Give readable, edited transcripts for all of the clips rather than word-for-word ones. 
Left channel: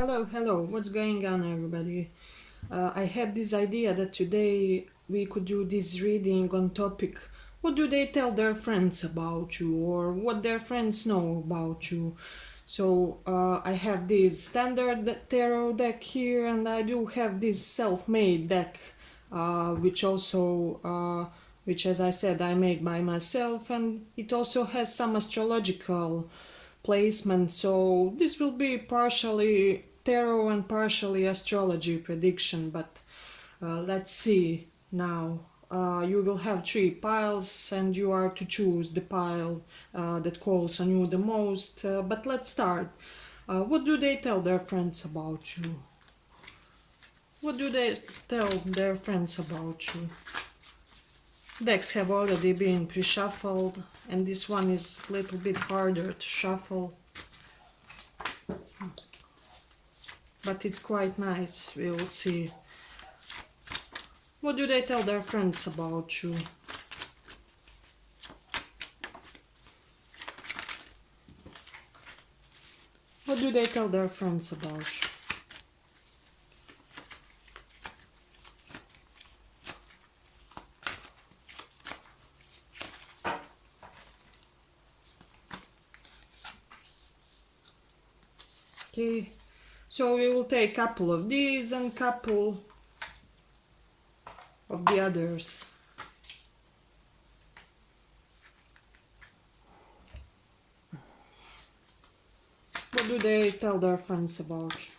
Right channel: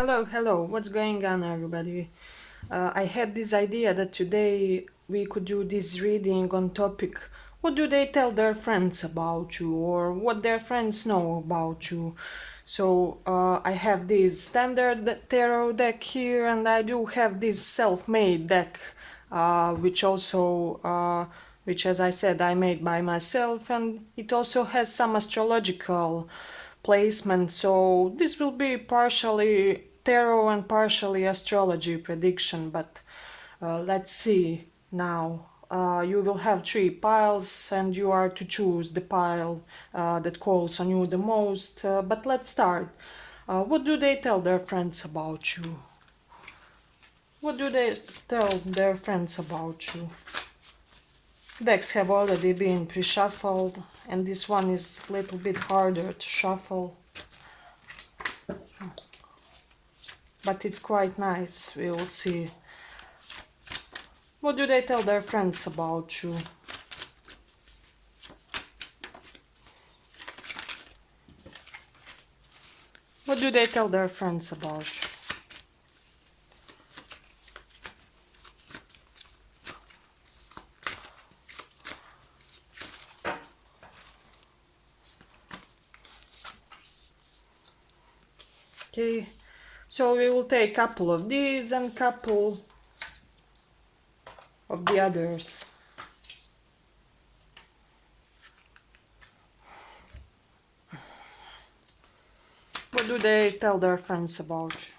Hello, what's going on, everybody? I had this idea that today we could do this reading on topic what do they tell their friends about you, or what their friends know about you. So I have this standard tarot deck here, and I do have this self-made deck, which as I said, I made by myself, and it also has some astrological placement. So this will be partially tarot and partially astrology prediction, but let's see now. You will have three piles, and you are to choose the pile that calls on you the most. But let's start. What do they tell their friends about you? What do they tell their friends about you? Decks have already been pre-shuffled, and this one is a little bit harder to shuffle, but it's quite nice. We will see. What do they tell their friends about you? What do they tell their friends about you? Okay, so we will take a couple of these and couple of the others. What do they tell their friends about you?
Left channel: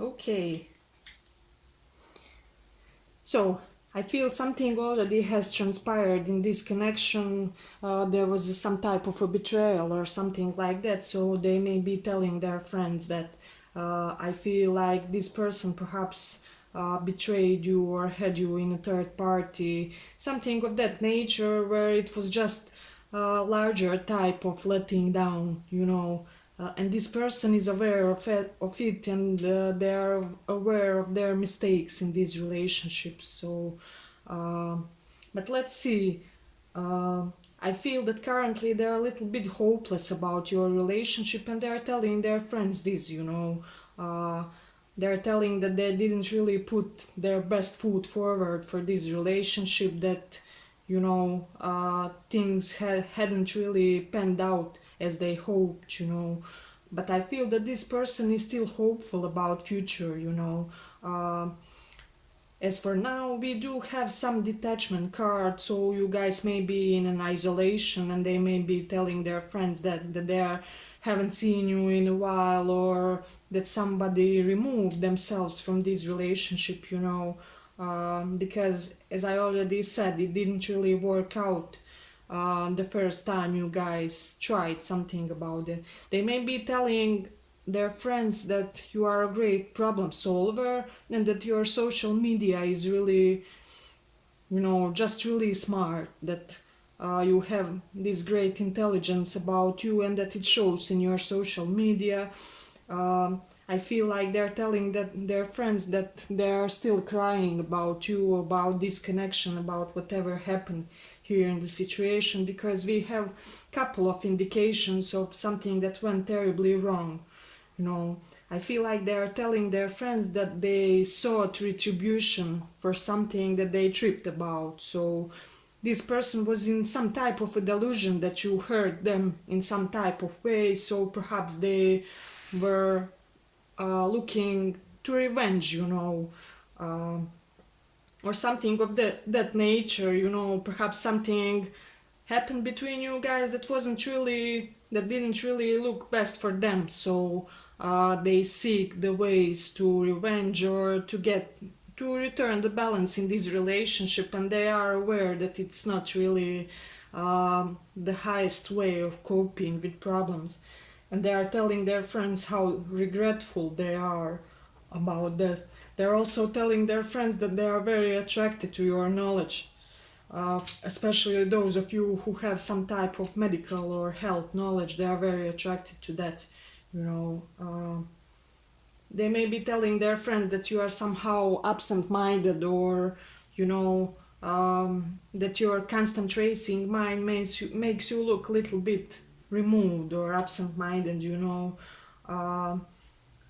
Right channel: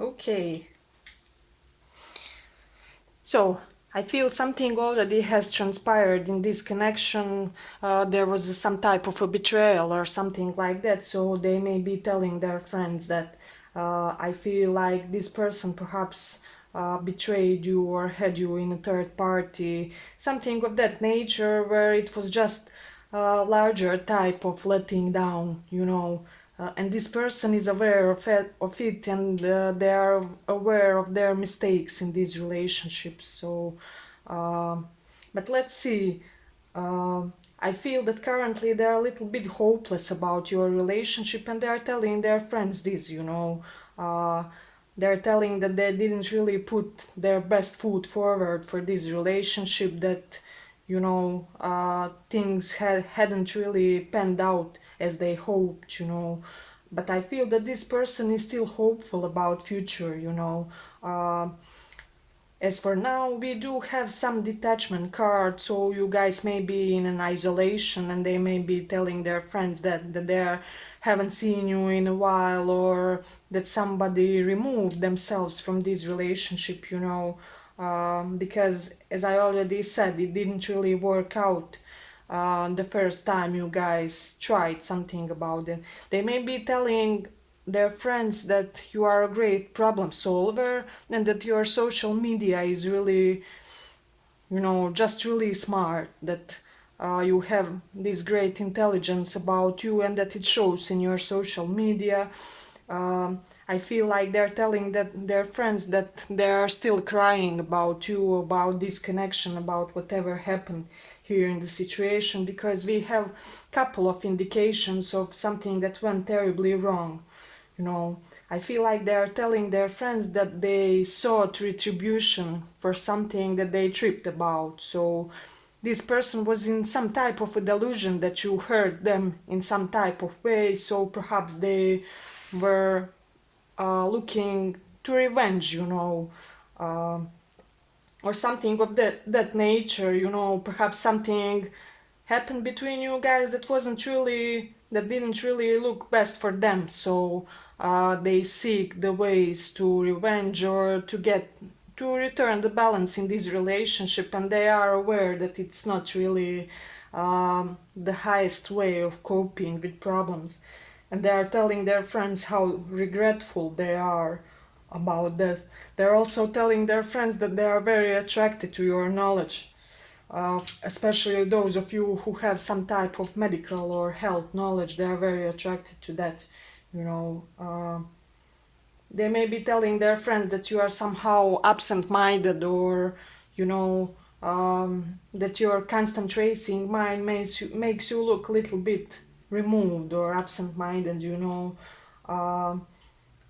Okay, so I feel something already has transpired in this connection. There was some type of a betrayal or something like that, so they may be telling their friends that I feel like this person perhaps betrayed you or had you in a third party, something of that nature, where it was just a larger type of letting down. And this person is aware of it, and they are aware of their mistakes in these relationships. Uh, but let's see. Uh, I feel that currently they're a little bit hopeless about your relationship, and they're telling their friends this. Uh, they're telling that they didn't really put their best foot forward for this relationship, that things hadn't really panned out as they hoped. But I feel that this person is still hopeful about future. As for now, we do have some detachment cards, so you guys may be in an isolation, and they may be telling their friends that they haven't seen you in a while, or that somebody removed themselves from this relationship. Because as I already said, it didn't really work out the first time you guys tried something about it. They may be telling their friends that you are a great problem solver, and that your social media is really, just really smart, that you have this great intelligence about you, and that it shows in your social media. I feel like they're telling their friends that they're still crying about you, about this connection, about whatever happened here in the situation, because we have couple of indications of something that went terribly wrong. you know I feel like they are telling their friends that they sought retribution for something that they tripped about. So this person was in some type of a delusion that you hurt them in some type of way, so perhaps they were looking to revenge, uh, or something of that nature. Perhaps something happened between you guys that didn't really look best for them, so they seek the ways to revenge, or to return the balance in this relationship, and they are aware that it's not really the highest way of coping with problems. And they are telling their friends how regretful they are about this. They're also telling their friends that they are very attracted to your knowledge, especially those of you who have some type of medical or health knowledge. They are very attracted to that, you know. They may be telling their friends that you are somehow absent-minded, or you know, that your constant racing mind makes you look a little bit removed or absent-minded, you know.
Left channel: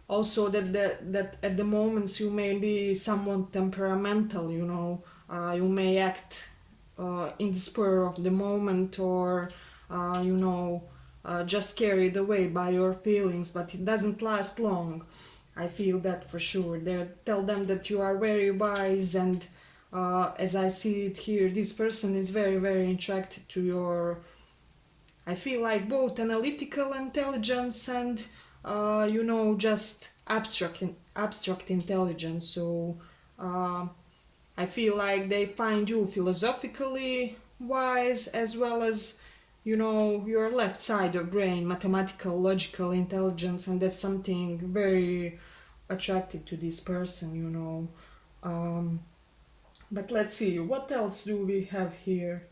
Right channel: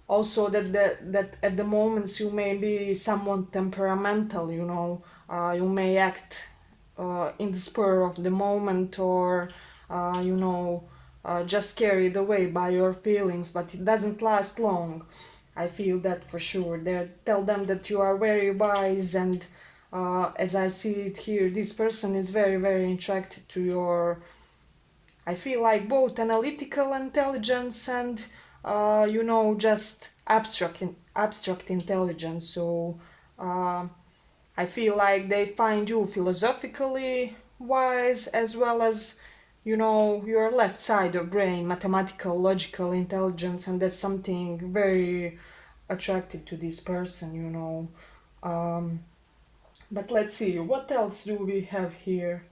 Also that at the moments you may be somewhat temperamental, you know. You may act in the spur of the moment, or you know, just carried away by your feelings, but it doesn't last long. I feel that for sure. They tell them that you are very wise, and as I see it here, this person is very, very attracted to your, I feel like, both analytical intelligence and you know, just abstract intelligence. So I feel like they find you philosophically wise, as well as, you know, your left side of brain, mathematical, logical intelligence, and that's something very attracted to this person, you know. But let's see, what else do we have here?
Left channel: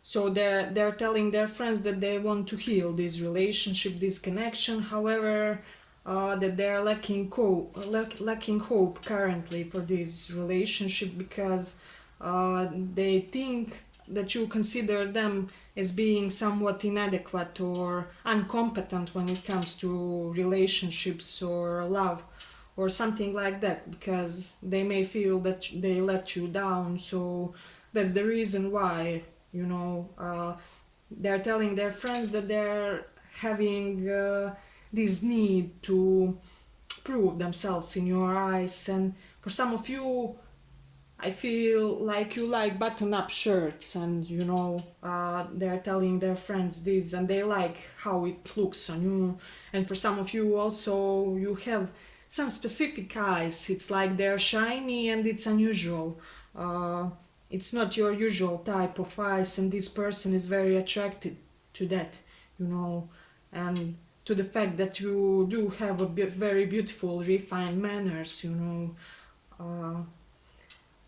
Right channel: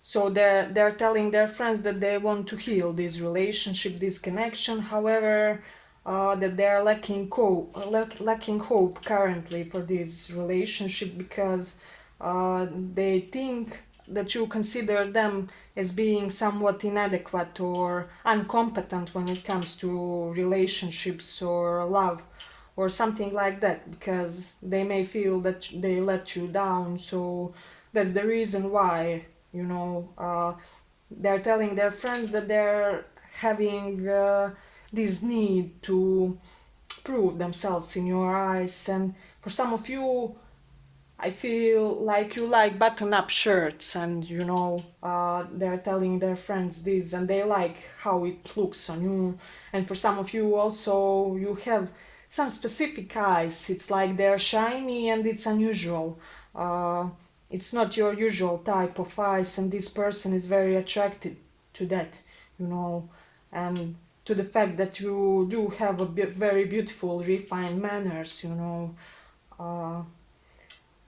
So they're telling their friends that they want to heal this relationship, this connection. However, that they are lacking hope currently for this relationship, because they think that you consider them as being somewhat inadequate or incompetent when it comes to relationships or love or something like that, because they may feel that they let you down. So that's the reason why, you know, they're telling their friends that they're having this need to prove themselves in your eyes. And for some of you, I feel like you like button-up shirts, and you know, they're telling their friends this, and they like how it looks on you. And for some of you also, you have some specific eyes. It's like they're shiny and it's unusual. Uh, it's not your usual type of eyes, and this person is very attracted to that, you know, and to the fact that you do have a very beautiful, refined manners, you know. Uh,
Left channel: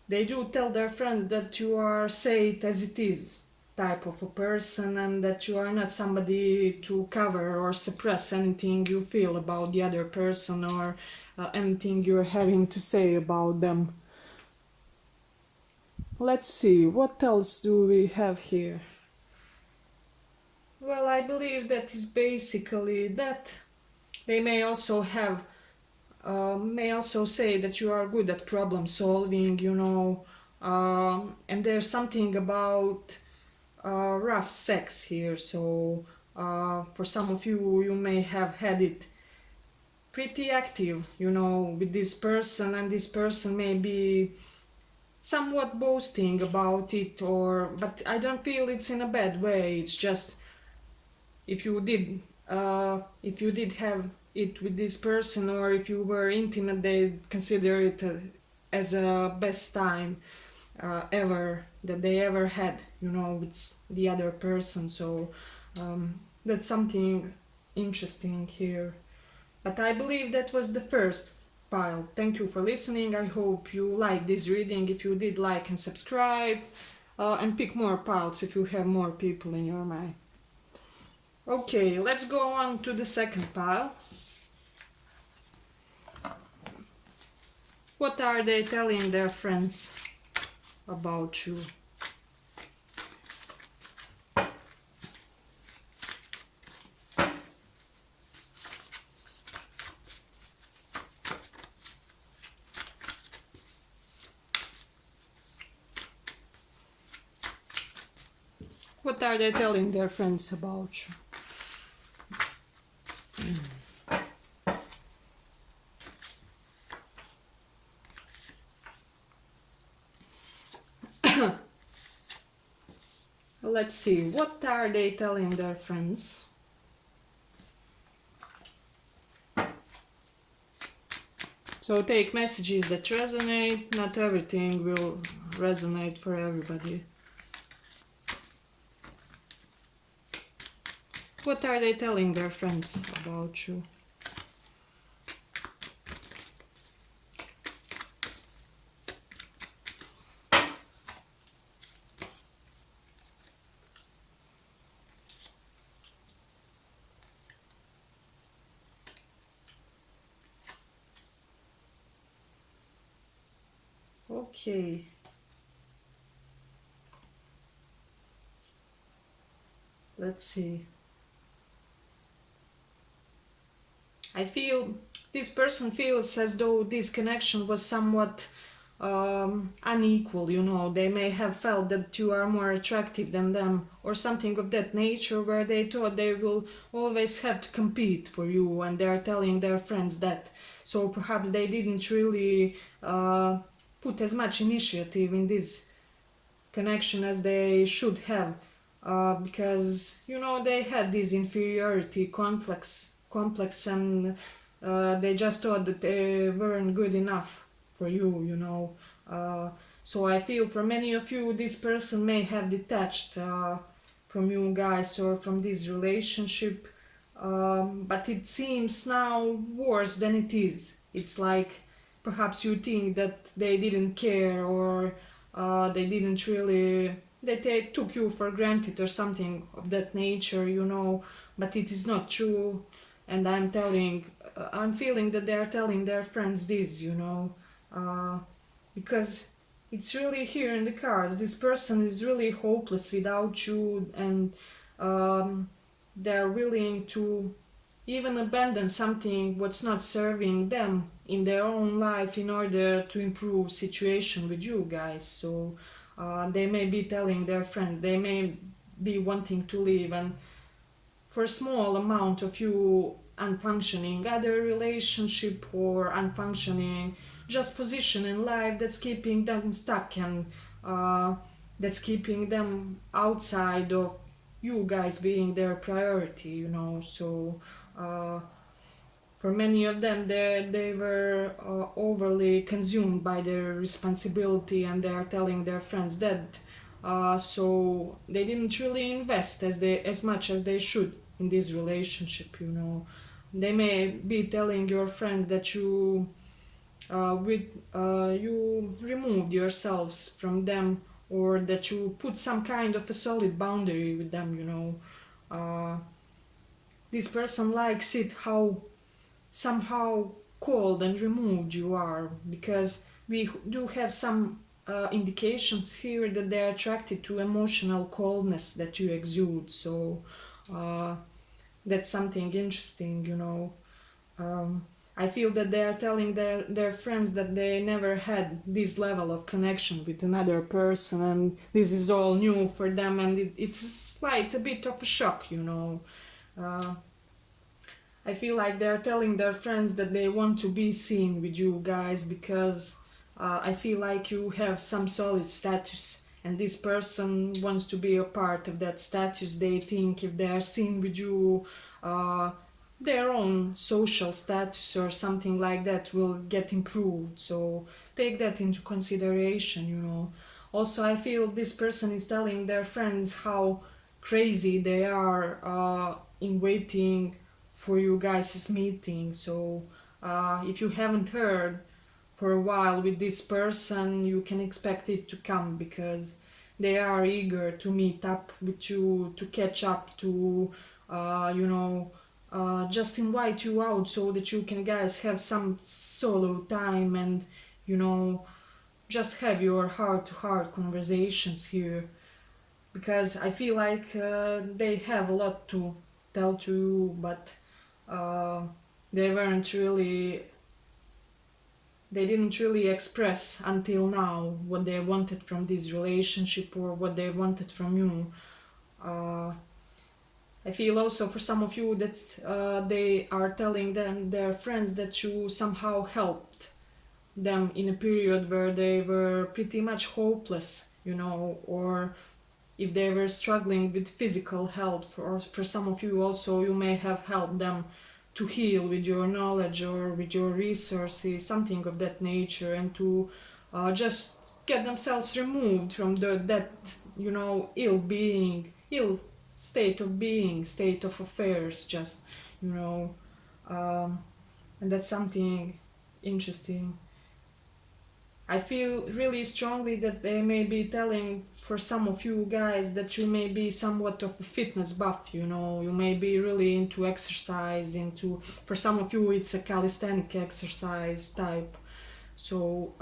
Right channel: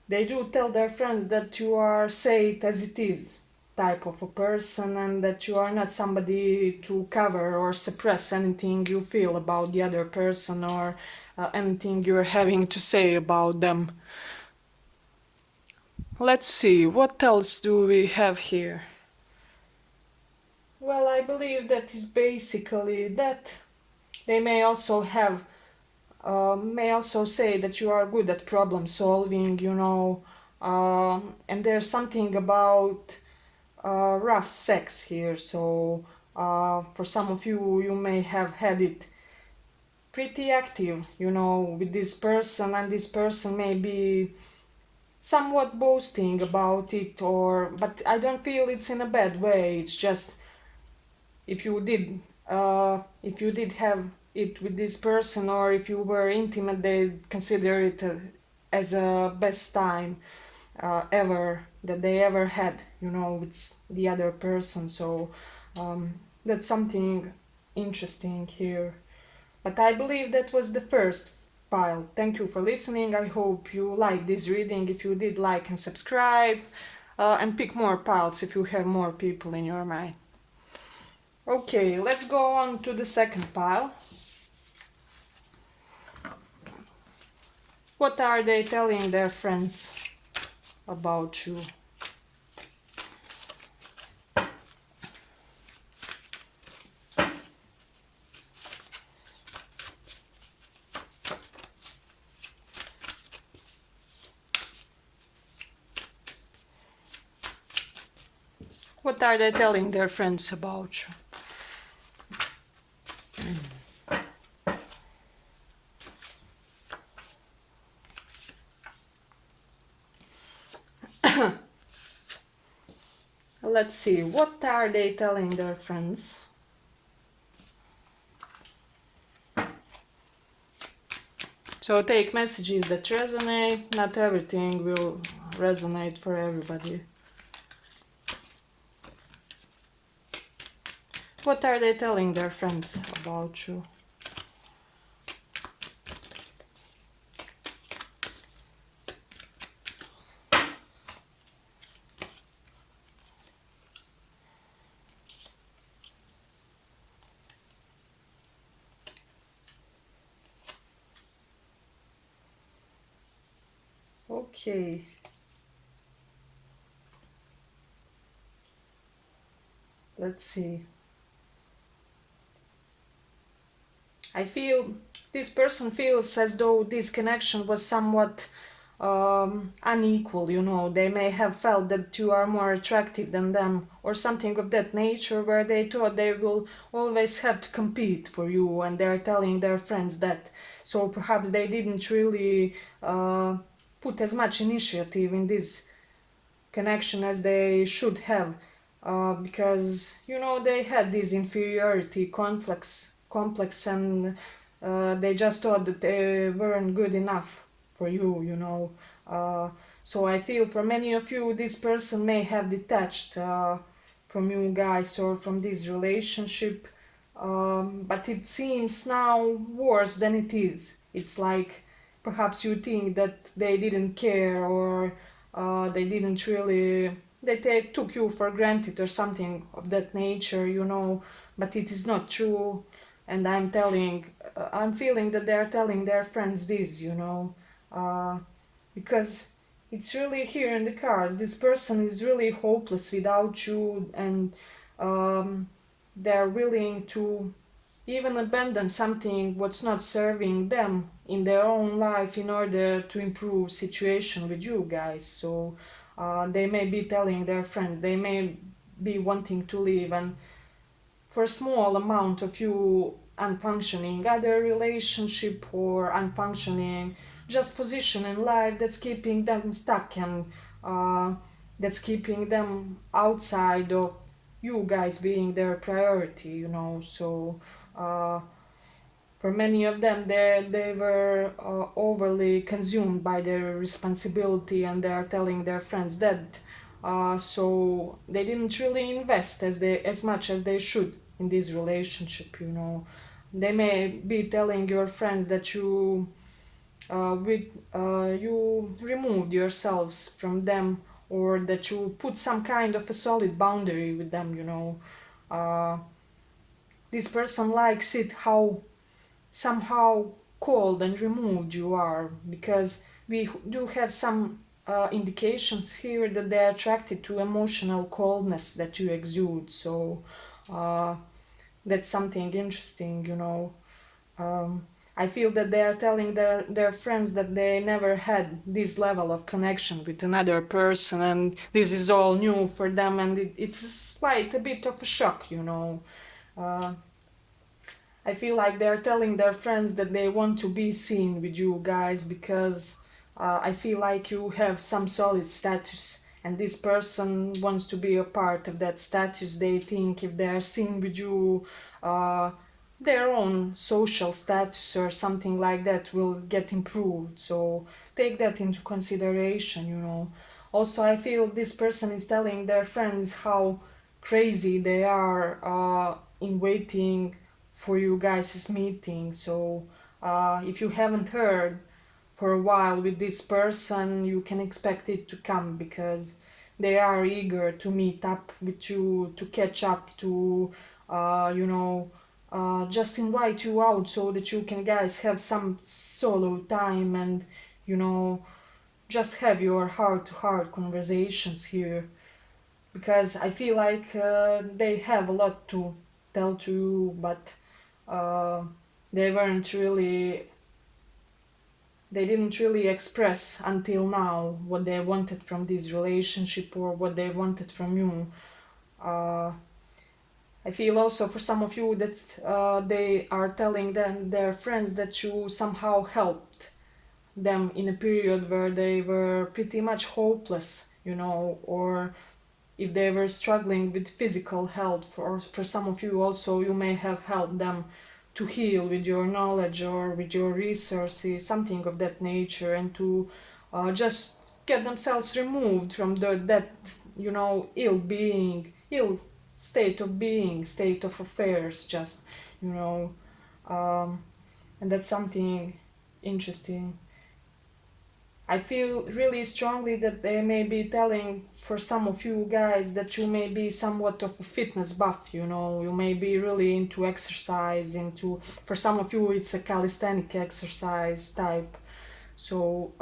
they do tell their friends that you are, say it as it is, type of a person, and that you are not somebody to cover or suppress anything you feel about the other person, or anything you're having to say about them. Let's see, what else do we have here? Well, I believe that is basically that. They may also say that you are good at problem solving, you know, and there's something about rough sex here. So for some of you, you may have had it pretty active, you know, with this person, and this person may be somewhat boasting about it, or but I don't feel it's in a bad way. It's just, if you did have it with this person, or if you were intimate, they consider it as a best time ever that they ever had, you know, with the other person. So that's something interesting here. But I believe that was the first pile. Thank you for listening. I hope you liked this reading. If you did, like and subscribe, and pick more piles if you have more people in your mind. Okay, let's go on to the second pile. What are they telling their friends about you? What are they telling their friends about you? Let's see, what are they telling their friends? So take messages that resonate. Not everything will resonate for everybody. What are they telling their friends about you? Okay. Let's see. I feel this person feels as though this connection was somewhat unequal, you know. They may have felt that you are more attractive than them, or something of that nature, where they thought they will always have to compete for you, and they're telling their friends that. So perhaps they didn't really put as much initiative in this connection as they should have, because you know they had this inferiority complex, and they just thought that they weren't good enough for you, you know. So I feel for many of you this person may have detached from you guys or from this relationship, but it seems now worse than it is. It's like perhaps you think that they didn't care, or they didn't really, that they took you for granted or something of that nature, you know. But it is not true, and I'm feeling that they're telling their friends this, you know, uh, because it's really here in the cards. This person is really hopeless without you, and um, they're willing to even abandon something what's not serving them in their own life in order to improve situation with you guys. So they may be telling their friends, they may be wanting to leave, and for a small amount of you unfunctioning other relationship or unfunctioning just position in life that's keeping them stuck, and uh, that's keeping them outside of you guys being their priority, you know. So uh, for many of them, they were overly consumed by their responsibility, and they are telling their friends that. So they didn't really invest as much as they should in this relationship. You know, they may be telling your friends that you removed yourselves from them, or that you put some kind of a solid boundary with them. You know, uh, this person likes it how somehow cold and removed you are, because we do have some indications here that they're attracted to emotional coldness that you exude. So uh, that's something interesting, you know. um, I feel that they are telling their friends that they never had this level of connection with another person, and this is all new for them, and it's like a bit of a shock, you know. uh, I feel like they're telling their friends that they want to be seen with you guys, because I feel like you have some solid status, and this person wants to be a part of that status. They think if they are seen with you, uh, their own social status or something like that will get improved. So take that into consideration, you know. Also, I feel this person is telling their friends how crazy they are in waiting for you guys' meeting. So if you haven't heard for a while with this person, you can expect it to come, because they are eager to meet up with you, to catch up, to you know, just invite you out so that you can guys have some solo time, and you know, just have your heart to heart conversations here, because I feel like they have a lot to tell to you, but uh, they weren't really, they didn't really express until now what they wanted from this relationship or what they wanted from you. uh, I feel also for some of you that they are telling them their friends that you somehow helped them in a period where they were pretty much hopeless, you know, or if they were struggling with physical health. For some of you also, you may have helped them to heal with your knowledge or with your resources, something of that nature, and to just get themselves removed from that, you know, ill being, ill state of being, state of affairs, just, you know, um, and that's something interesting. I feel really strongly that they may be telling for some of you guys that you may be somewhat of a fitness buff, you know, you may be really into exercise, into, for some of you it's a calisthenic exercise type. So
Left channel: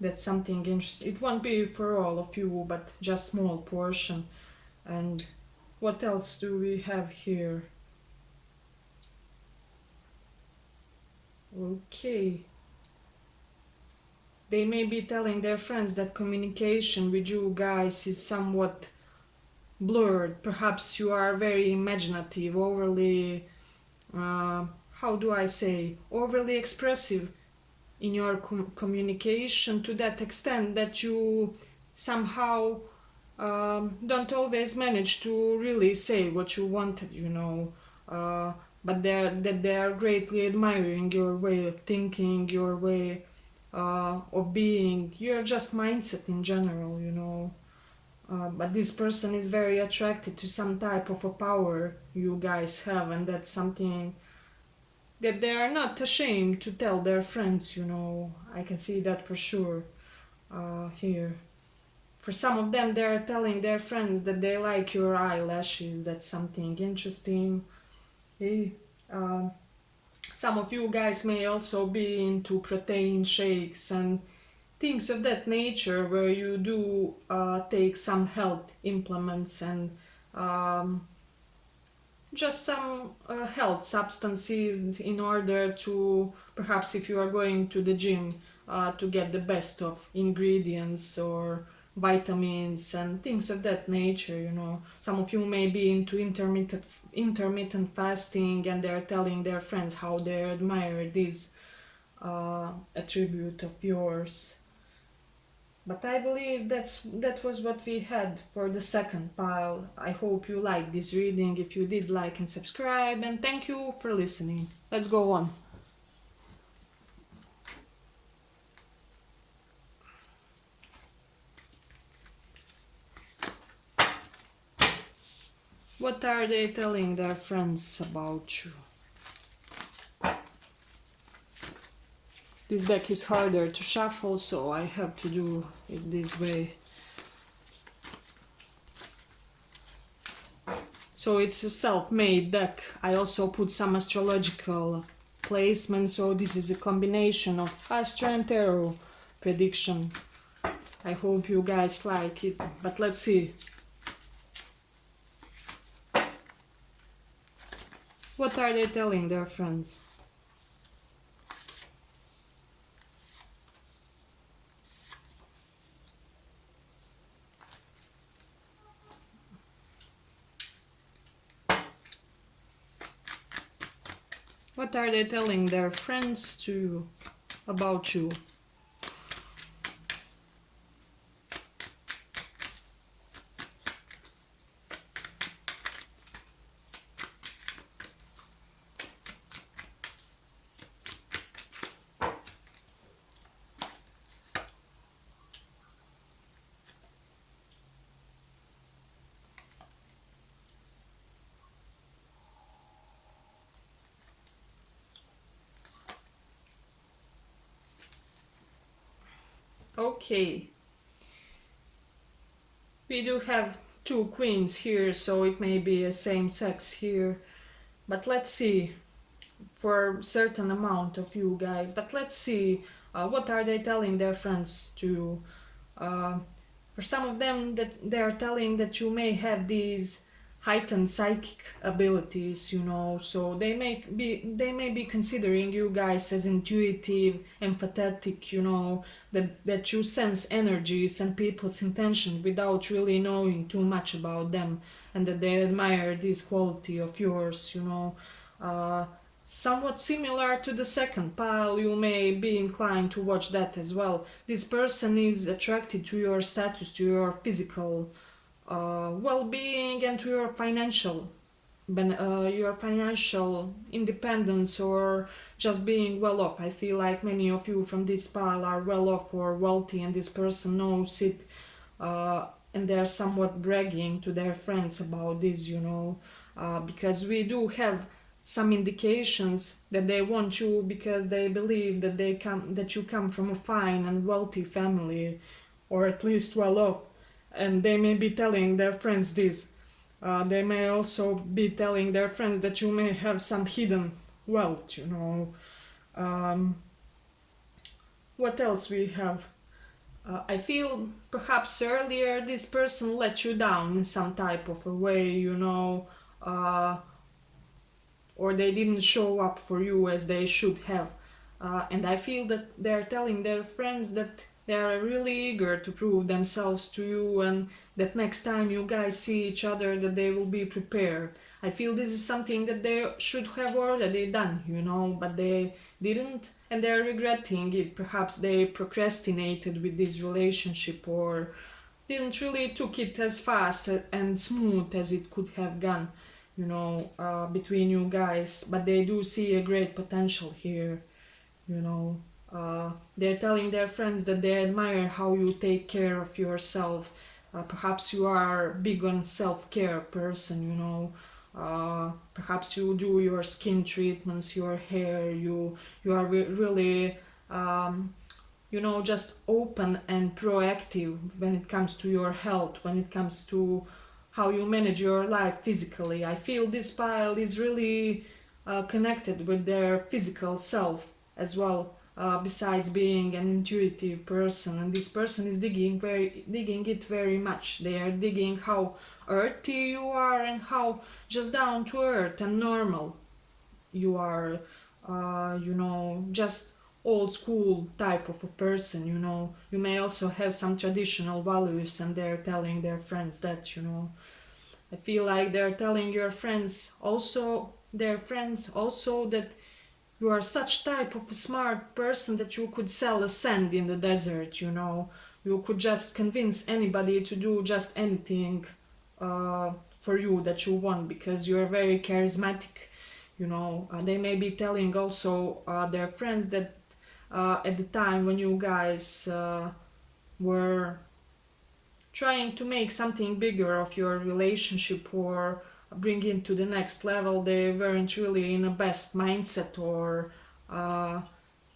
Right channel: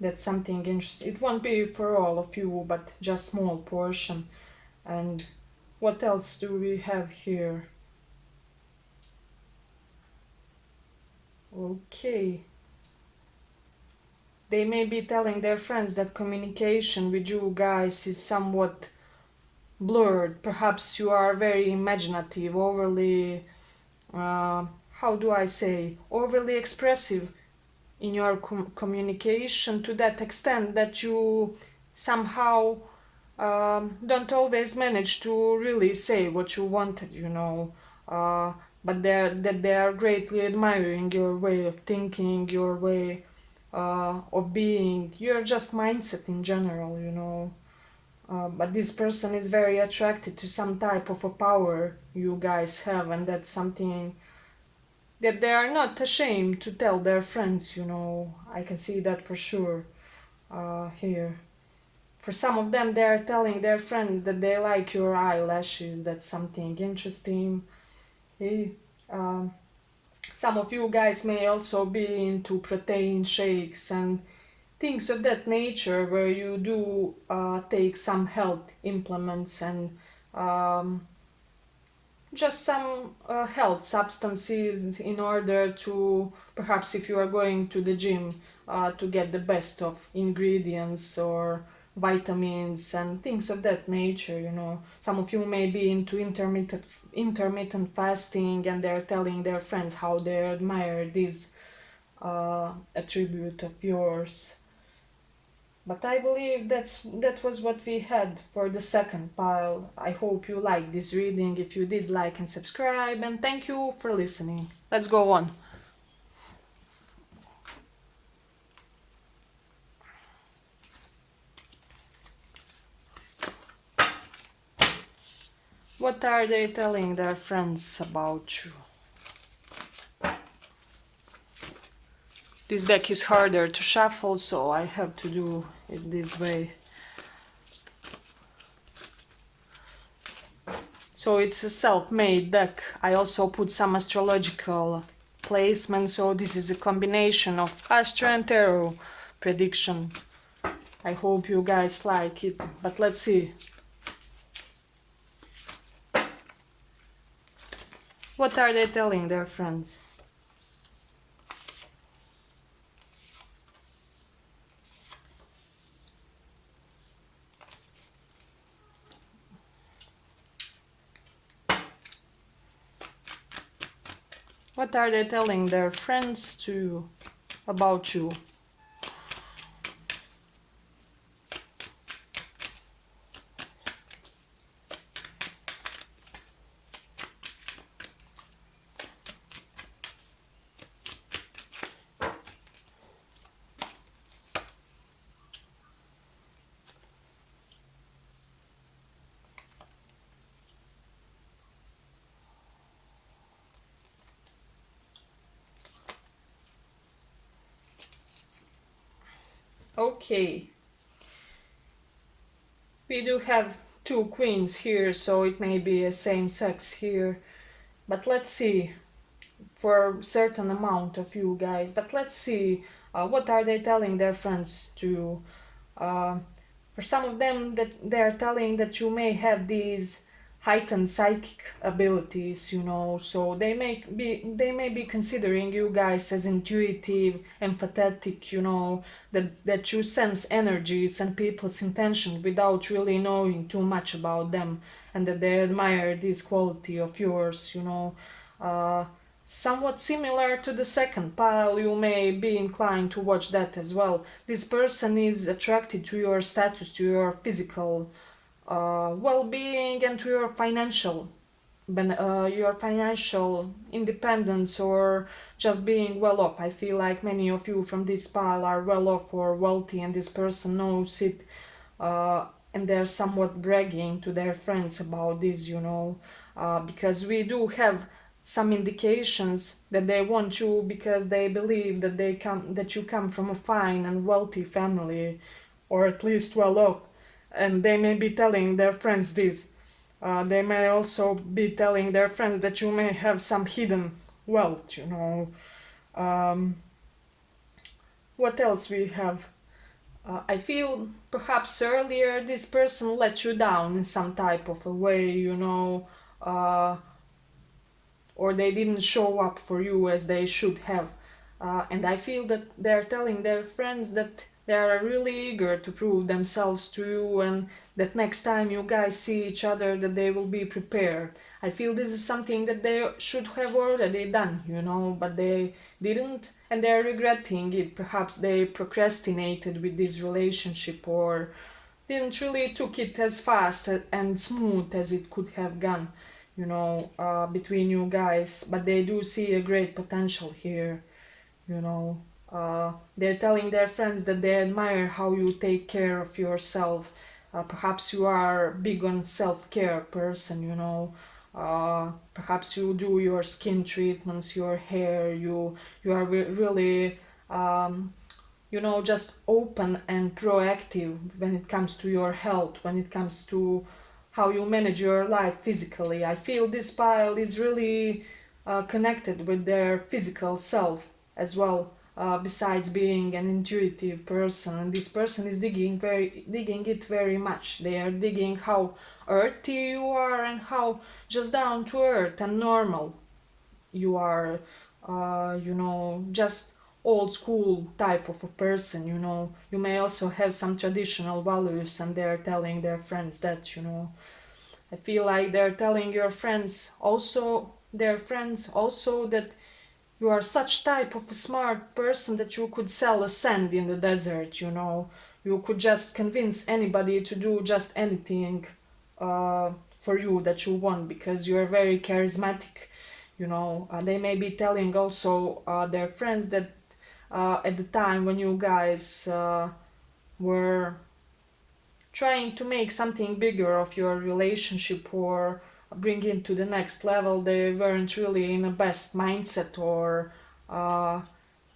that's something interesting. It won't be for all of you, but just small portion. And what else do we have here? Okay. They may be telling their friends that communication with you guys is somewhat blurred. Perhaps you are very imaginative, overly, how do I say, overly expressive in your communication to that extent that you somehow don't always manage to really say what you wanted, you know. But they are greatly admiring your way of thinking, your way of being, your just mindset in general, you know. But this person is very attracted to some type of a power you guys have, and that's something that they are not ashamed to tell their friends, you know. I can see that for sure here. For some of them, they are telling their friends that they like your eyelashes. That's something interesting. Hey, some of you guys may also be into protein shakes and things of that nature, where you do take some health implements and just some health substances in order to, perhaps if you are going to the gym, to get the best of ingredients or vitamins and things of that nature, you know. Some of you may be into intermittent fasting, and they're telling their friends how they admire this attribute of yours. But I believe that was what we had for the second pile. I hope you liked this reading. If you did, like and subscribe, and thank you for listening. Let's go on. What are they telling their friends about you? This deck is harder to shuffle, so I have to do it this way. So it's a self-made deck. I also put some astrological placement, so this is a combination of Astro and Tarot prediction. I hope you guys like it, but let's see. What are they telling their friends? What are they telling their friends to about you? Okay. We do have two queens here, so it may be a same sex here. But let's see, for a certain amount of you guys. But let's see, what are they telling their friends to? For some of them, that they are telling that you may have these heightened psychic abilities, you know. So they may be considering you guys as intuitive, empathetic, you know, that you sense energies and people's intention without really knowing too much about them, and that they admire this quality of yours, you know. Somewhat similar to the second pile, you may be inclined to watch that as well. This person is attracted to your status, to your physical well-being, and to your financial independence, or just being well off. I feel like many of you from this pile are well off or wealthy, and this person knows it, and they're somewhat bragging to their friends about this, because we do have some indications that they want you because they believe that you come from a fine and wealthy family, or at least well off, and they may be telling their friends this. They may also be telling their friends that you may have some hidden wealth. What else we have? I feel perhaps earlier this person let you down in some type of a way, uh, or they didn't show up for you as they should have. And I feel that they're telling their friends that they are really eager to prove themselves to you, and that next time you guys see each other that they will be prepared. I feel this is something that they should have already done, but they didn't, and they're regretting it. Perhaps they procrastinated with this relationship, or didn't really took it as fast and smooth as it could have gone, between you guys. But they do see a great potential here, you know. They're telling their friends that they admire how you take care of yourself. Perhaps you are big on self-care person, perhaps you do your skin treatments, your hair, you are really just open and proactive when it comes to your health, when it comes to how you manage your life physically. I feel this pile is really connected with their physical self as well. Besides being an intuitive person, and this person is digging it very much. They are digging how earthy you are and how just down to earth and normal you are. Just old school type of a person. You may also have some traditional values, and they're telling their friends that. I feel like they're telling their friends also, that you are such type of a smart person that you could sell a sand in the desert. You could just convince anybody to do just anything for you that you want, because you're very charismatic. They may be telling also their friends that at the time when you guys were trying to make something bigger of your relationship, or bring it to the next level, they weren't really in a best mindset, or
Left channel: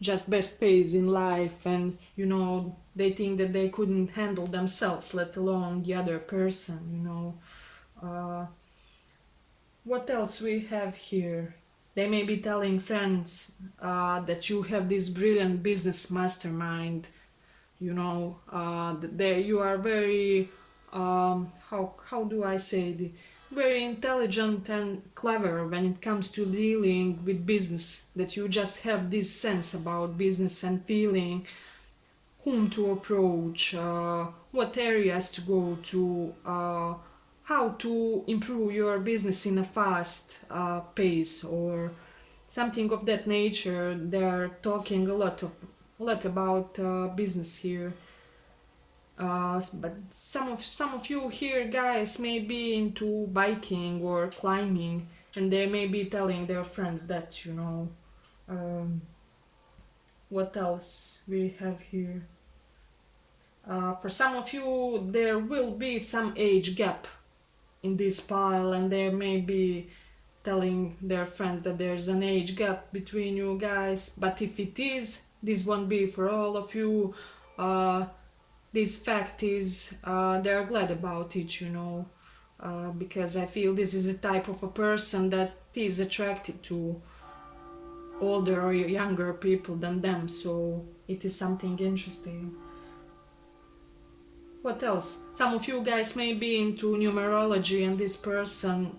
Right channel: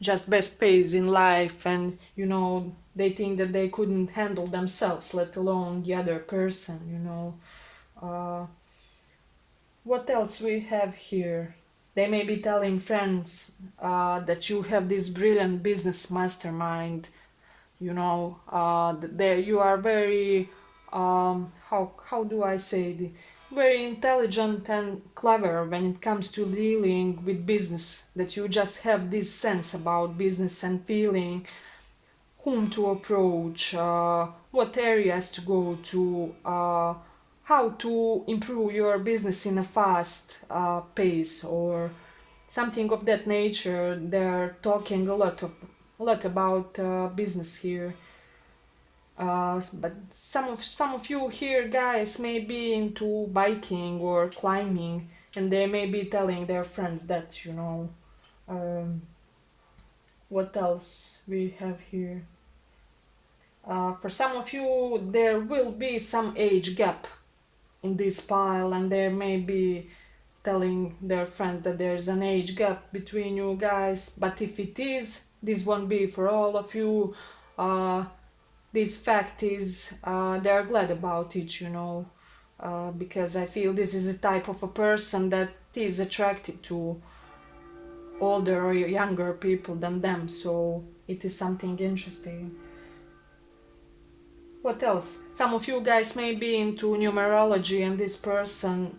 just best phase in life, and they think that they couldn't handle themselves, let alone the other person. What else we have here? They may be telling friends that you have this brilliant business mastermind. You are very how do I say it? Very intelligent and clever when it comes to dealing with business. That you just have this sense about business and feeling whom to approach, what areas to go to, how to improve your business in a fast pace, or something of that nature. They're talking a lot about business here. But some of you here, guys, may be into biking or climbing, and they may be telling their friends that. Um, what else we have here? For some of you, there will be some age gap in this pile, and they may be telling their friends that there's an age gap between you guys. But if it is, this won't be for all of you. This fact is, they're glad about it, because I feel this is a type of a person that is attracted to older or younger people than them, so it is something interesting. What else? Some of you guys may be into numerology, and this person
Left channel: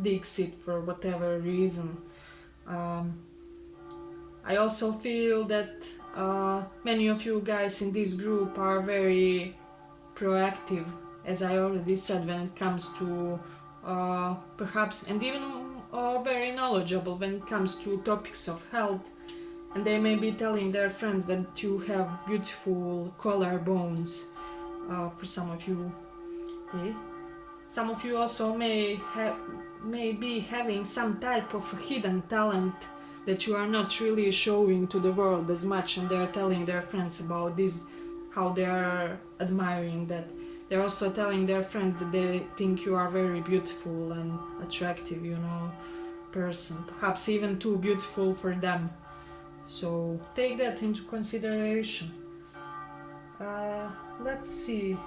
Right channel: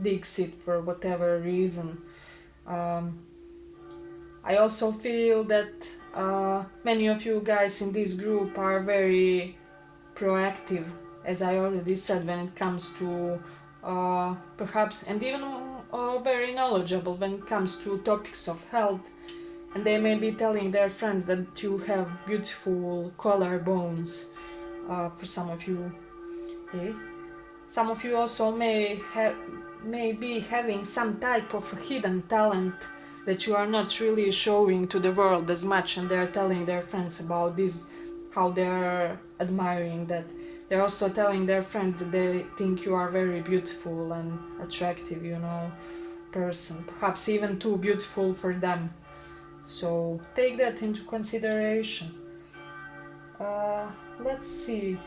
digs it for whatever reason. I also feel that many of you guys in this group are very proactive, as I already said, when it comes to perhaps, and even very knowledgeable when it comes to topics of health. And they may be telling their friends that you have beautiful collarbones, for some of you. Okay? Some of you also may be having some type of hidden talent that you are not really showing to the world as much, and they are telling their friends about this, how they are admiring that. They're also telling their friends that they think you are very beautiful and attractive, person, perhaps even too beautiful for them. So take that into consideration. Uh, let's see.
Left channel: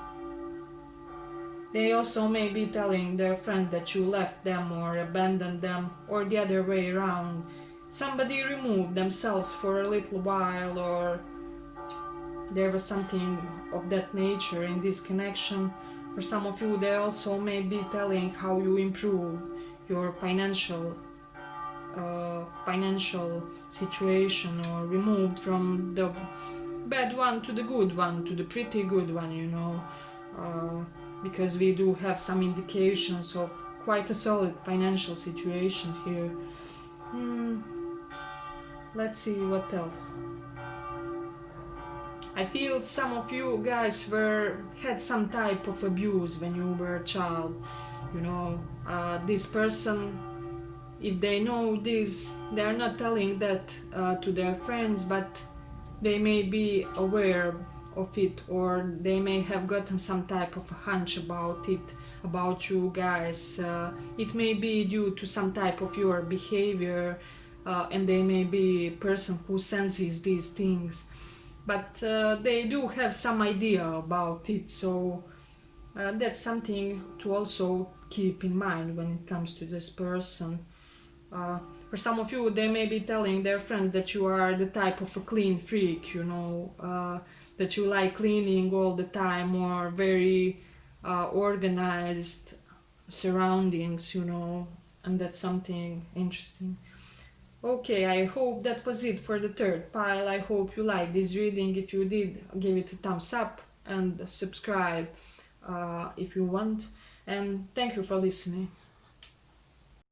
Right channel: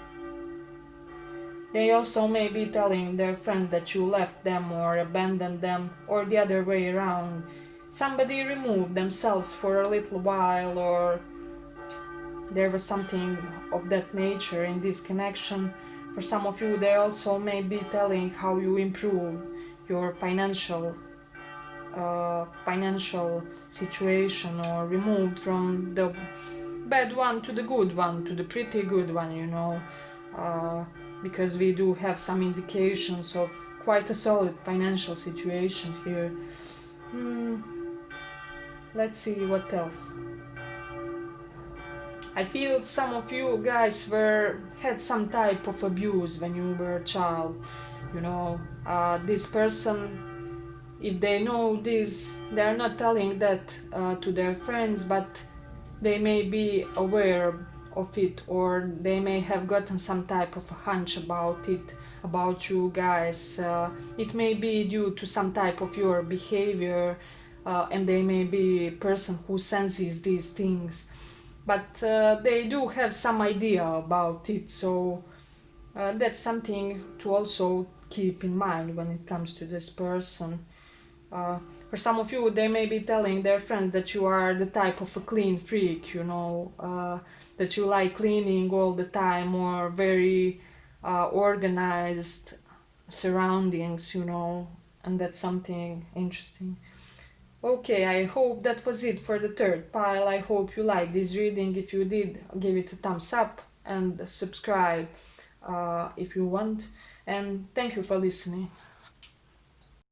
They also may be telling their friends that you left them or abandoned them, or the other way around. Somebody removed themselves for a little while, or there was something of that nature in this connection. For some of you, they also may be telling how you improved your financial situation, or removed from the bad one to the good one, to the pretty good one, because we do have some indications of quite a solid financial situation here. Let's see what else. I feel some of you guys had some type of abuse when you were a child. This person, if they know this, they are not telling that to their friends, but they may be aware of it, or they may have gotten some type of a hunch about it, about you guys. It may be due to some type of your behavior, and they may be a person who senses these things, but they do have some idea about it. So that's something to also keep in mind when it comes to this person. For some of you, they may be telling their friends that you are the type of a clean freak, that you like cleaning all the time, or very organized surroundings, and that's something interesting. Okay, I hope that was it for the third pile. I hope you liked this reading. If you did, give it a thumbs up and subscribe if you want. And thank you for listening.